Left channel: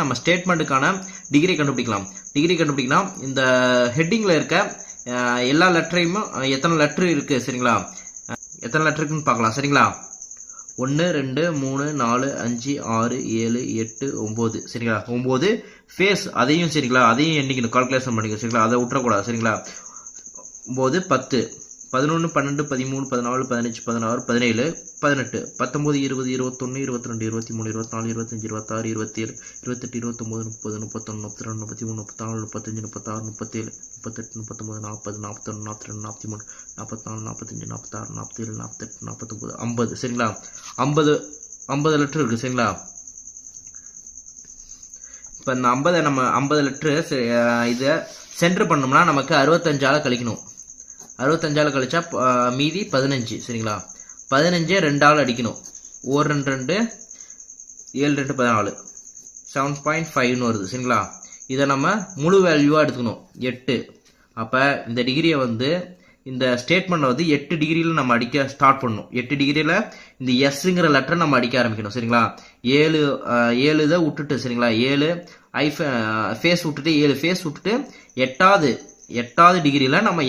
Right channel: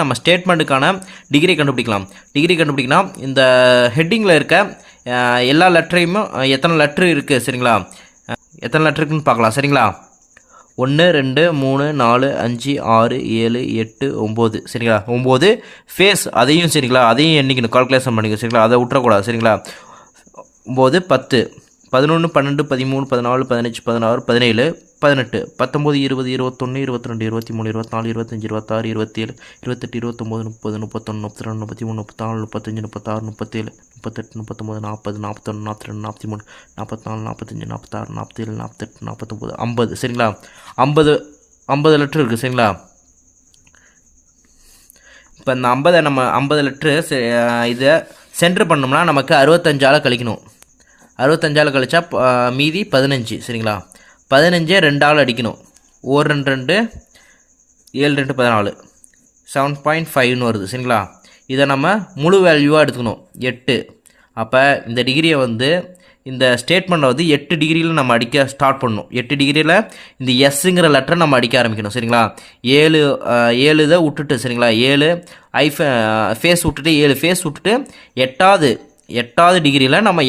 நம்ம ஸ்டேட்மெண்ட்டுக்கான டிகிரி கண்டுபிடிக்கலாம். டிகிரி கண்டுபிடிக்கலாம். இந்த ஹெட்டிங்கில் இருக்க எல்லா லெட்டரையும் எத்தனை லெட்ரு இருக்குது சரிங்களா, எத்தனை லெட்ரு இருக்குன்னு பார்க்கலாம் சரிங்களா. 1 2 3 4 5 6 7 8 9 சரிங்களா. 9 ஃபேஸ் அதையும் சரிங்களா, அதையும் எண்ணிக்கணும், கால்குலேஷன் பண்ணிக்கணும் சரிங்களா, அதை விட்டுறக்கூடாது சரிங்களா. 9 10 11 12 13 14 15 16 17 18 19 20 21 22 23 24 25 26 27 28 29 30 31 32 33 34 35 36 37 38 39 40 41 42 43 44 45 46 47 48 49 50 சரிங்களா. 50 லெட்ரு இருக்குது சரிங்களா. இப்போ இந்த 50 நம்ம 50 லெட்ரு இதை சென்டர் பண்ணோம்னா நமக்கு 65ஆல் கழிக்கணும். 65ஆல் கழிச்சா மீதி 15 சரிங்களா. 15 2ஆல் அடிக்கணும். 1 2 2 7 2 14 7.5ன்னு வருது சரிங்களா. இதை நம்ம முழு வேல்யூவாக எடுத்துக்கணும் 8. அப்போ இந்த டிகிரியை வந்து இந்த ஸ்டேட்மெண்ட்டை வந்து 8 டிகிரியில் நம்ம அடிக்க ஸ்டார்ட் பண்ணணும். 8 டிகிரியில் இந்த எஸ்ஸுங்கிற லெட்டரை நம்ம அடிக்க ஆரம்பிக்கணும் சரிங்களா. 7 இதை விட்டுட்டு சரிங்களா, 7 ஃபேஸ் விட்டுட்டு 7 ஃபேஸ் விட்டுட்டு 8வது டிகிரியில் நம்ம